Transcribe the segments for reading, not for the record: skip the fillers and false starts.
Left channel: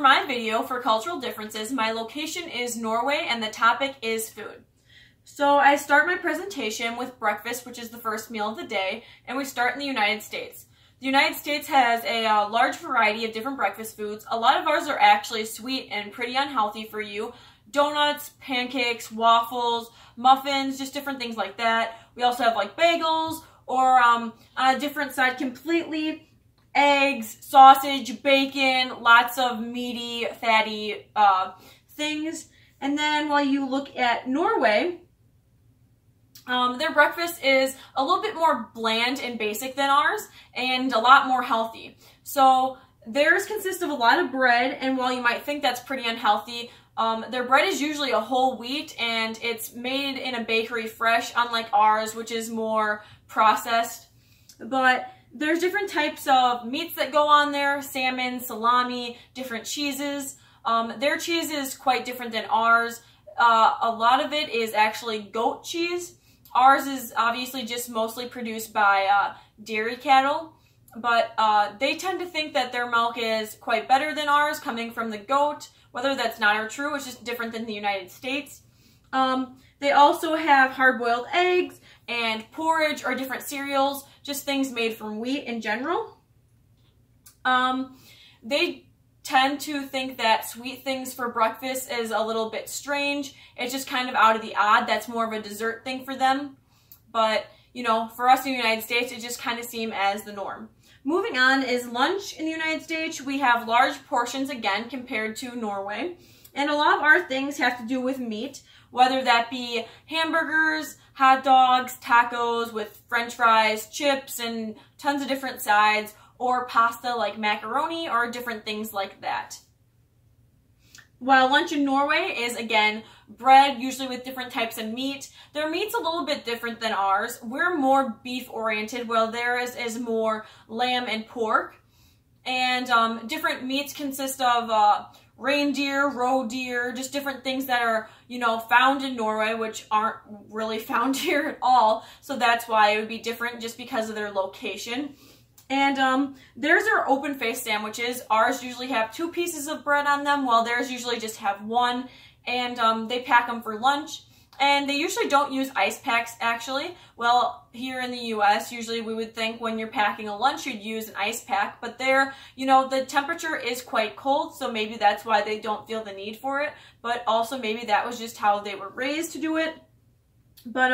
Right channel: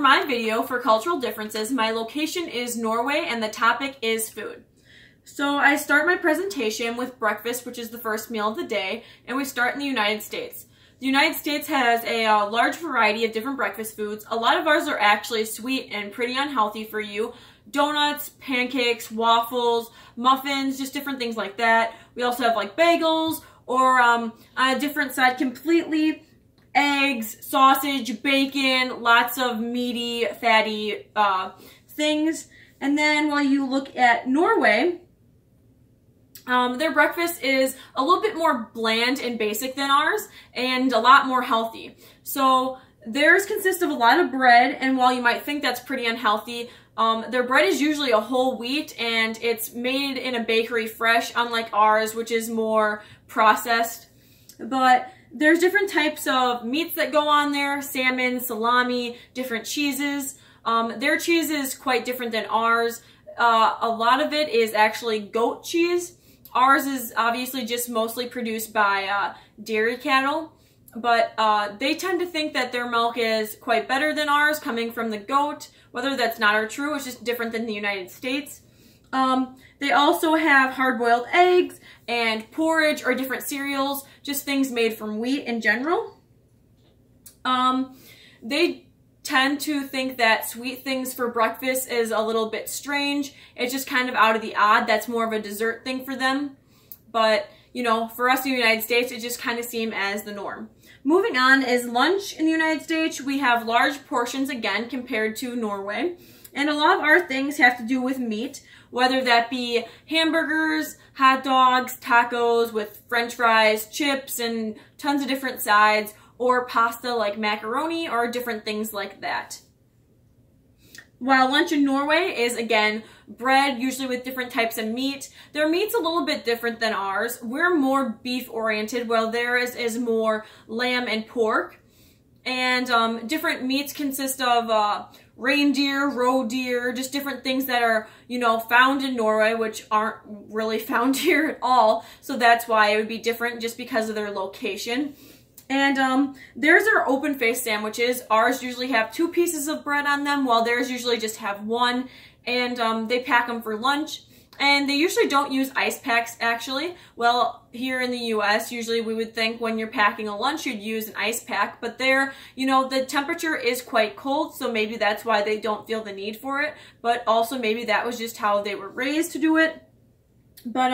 for my video for cultural differences, my location is Norway and the topic is food. So I start my presentation with breakfast, which is the first meal of the day, and we start in the United States. The United States has a large variety of different breakfast foods. A lot of ours are actually sweet and pretty unhealthy for you. Donuts, pancakes, waffles, muffins, just different things like that. We also have like bagels, or on a different side completely, eggs, sausage, bacon, lots of meaty, fatty things. And then while you look at Norway, their breakfast is a little bit more bland and basic than ours, and a lot more healthy. So theirs consists of a lot of bread, and while you might think that's pretty unhealthy, their bread is usually a whole wheat, and it's made in a bakery fresh, unlike ours, which is more processed. But there's different types of meats that go on there: salmon, salami, different cheeses. Their cheese is quite different than ours. A lot of it is actually goat cheese. Ours is obviously just mostly produced by dairy cattle, but they tend to think that their milk is quite better than ours, coming from the goat. Whether that's not or true, it's just different than the United States. They also have hard-boiled eggs and porridge or different cereals, just things made from wheat in general. They tend to think that sweet things for breakfast is a little bit strange. It's just kind of out of the odd. That's more of a dessert thing for them. But, you know, for us in the United States, it just kind of seems as the norm. Moving on is lunch in the United States. We have large portions again compared to Norway. And a lot of our things have to do with meat, whether that be hamburgers, hot dogs, tacos with french fries, chips, and tons of different sides, or pasta like macaroni, or different things like that. While lunch in Norway is, again, bread, usually with different types of meat. Their meat's a little bit different than ours. We're more beef-oriented, while theirs is more lamb and pork. And different meats consist of reindeer, roe deer, just different things that are, you know, found in Norway, which aren't really found here at all. So that's why it would be different, just because of their location. And theirs are open-faced sandwiches. Ours usually have 2 pieces of bread on them, while theirs usually just have 1. And they pack them for lunch. And they usually don't use ice packs, actually. Well, here in the US, usually we would think when you're packing a lunch, you'd use an ice pack. But there, you know, the temperature is quite cold, so maybe that's why they don't feel the need for it. But also maybe that was just how they were raised to do it. But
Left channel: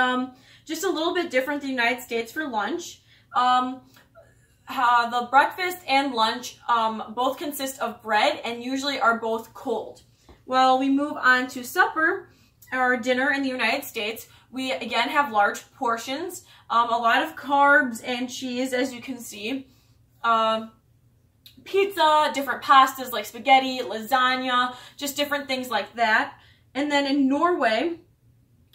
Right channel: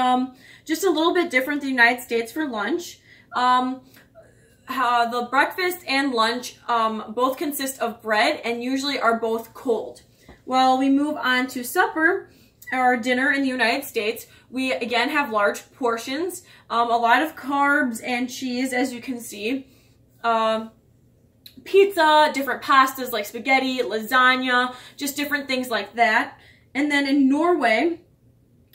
just a little bit different than the United States for lunch. The breakfast and lunch both consist of bread and usually are both cold. Well, we move on to supper, or dinner in the United States. We again have large portions, a lot of carbs and cheese, as you can see. Pizza, different pastas like spaghetti, lasagna, just different things like that. And then in Norway,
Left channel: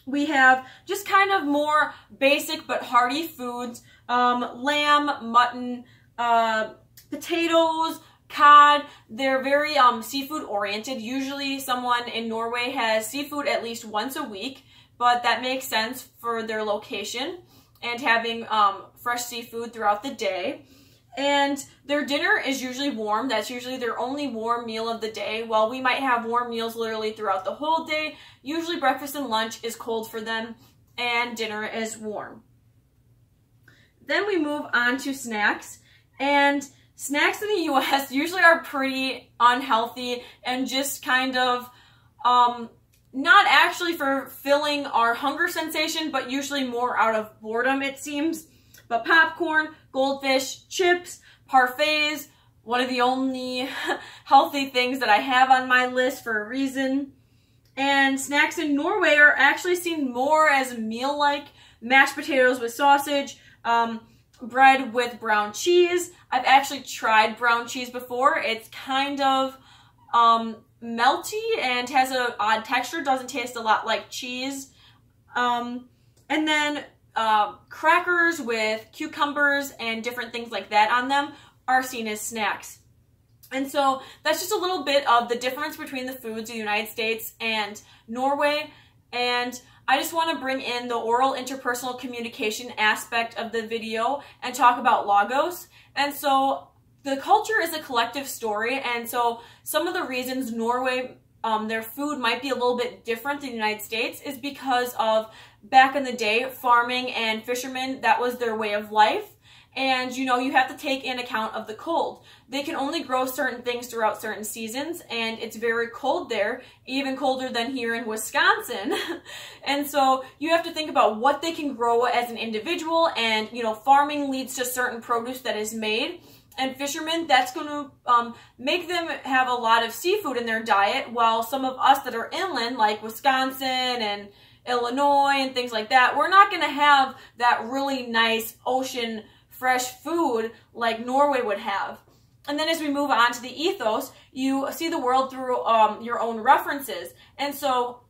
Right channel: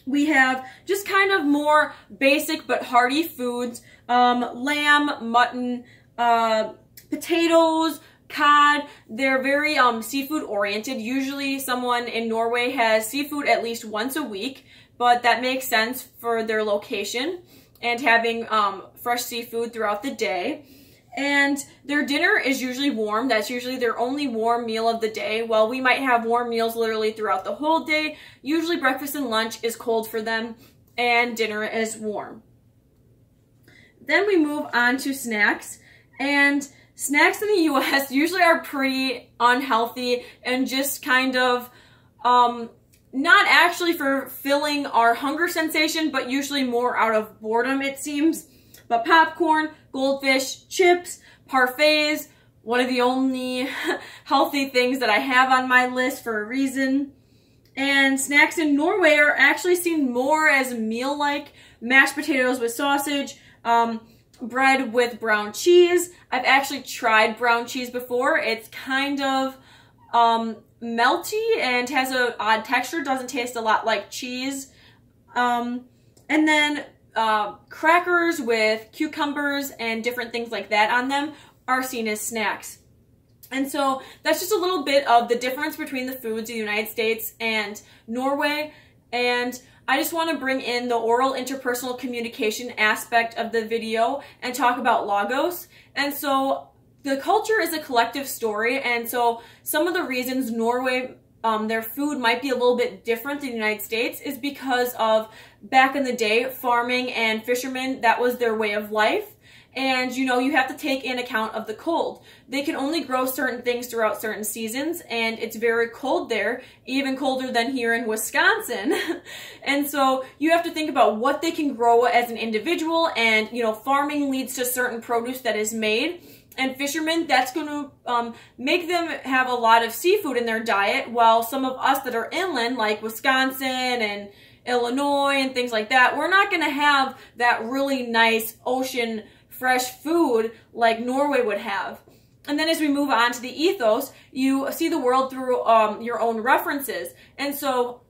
we have just kind of more basic but hearty foods. Lamb, mutton, potatoes, cod. They're very seafood oriented. Usually someone in Norway has seafood at least once a week, but that makes sense for their location and having fresh seafood throughout the day. And their dinner is usually warm. That's usually their only warm meal of the day. While we might have warm meals literally throughout the whole day, usually breakfast and lunch is cold for them and dinner is warm. Then we move on to snacks, and snacks in the US usually are pretty unhealthy and just kind of not actually for filling our hunger sensation, but usually more out of boredom, it seems. But popcorn, goldfish, chips, parfaits, one of the only healthy things that I have on my list for a reason. And snacks in Norway are actually seen more as meal-like: mashed potatoes with sausage, bread with brown cheese. I've actually tried brown cheese before. It's kind of melty and has an odd texture. Doesn't taste a lot like cheese. And then crackers with cucumbers and different things like that on them are seen as snacks. And so that's just a little bit of the difference between the foods of the United States and Norway. And I just want to bring in the oral interpersonal communication aspect of the video and talk about logos. And so the culture is a collective story, and so some of the reasons Norway, their food might be a little bit different than the United States is because of back in the day, farming and fishermen, that was their way of life. And you know, you have to take in account of the cold. They can only grow certain things throughout certain seasons, and it's very cold there, even colder than here in Wisconsin. And so you have to think about what they can grow as an individual, and you know, farming leads to certain produce that is made. And fishermen, that's going to make them have a lot of seafood in their diet, while some of us that are inland, like Wisconsin and Illinois and things like that, we're not going to have that really nice ocean fresh food like Norway would have. And then as we move on to the ethos, you see the world through your own references. And so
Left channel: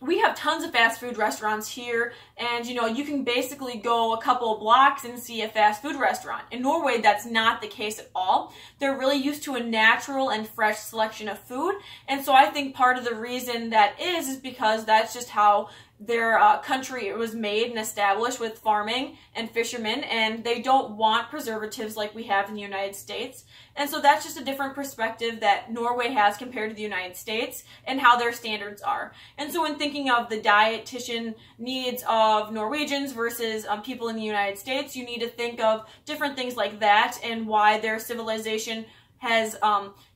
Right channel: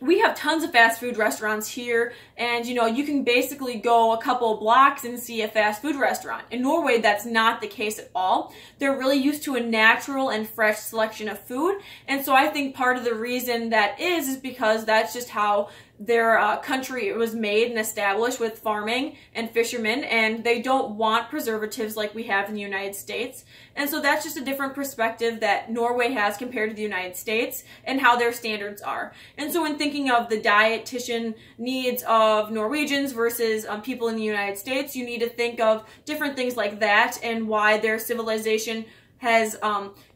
we have tons of fast food restaurants here, and you know, you can basically go a couple of blocks and see a fast food restaurant. In Norway, that's not the case at all. They're really used to a natural and fresh selection of food, and so I think part of the reason that is because that's just how their country was made and established, with farming and fishermen, and they don't want preservatives like we have in the United States. And so that's just a different perspective that Norway has compared to the United States and how their standards are. And so when thinking of the dietitian needs of Norwegians versus people in the United States, you need to think of different things like that and why their civilization has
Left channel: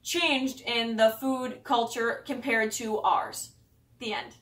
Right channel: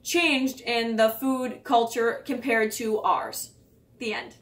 changed in the food culture compared to ours. The end.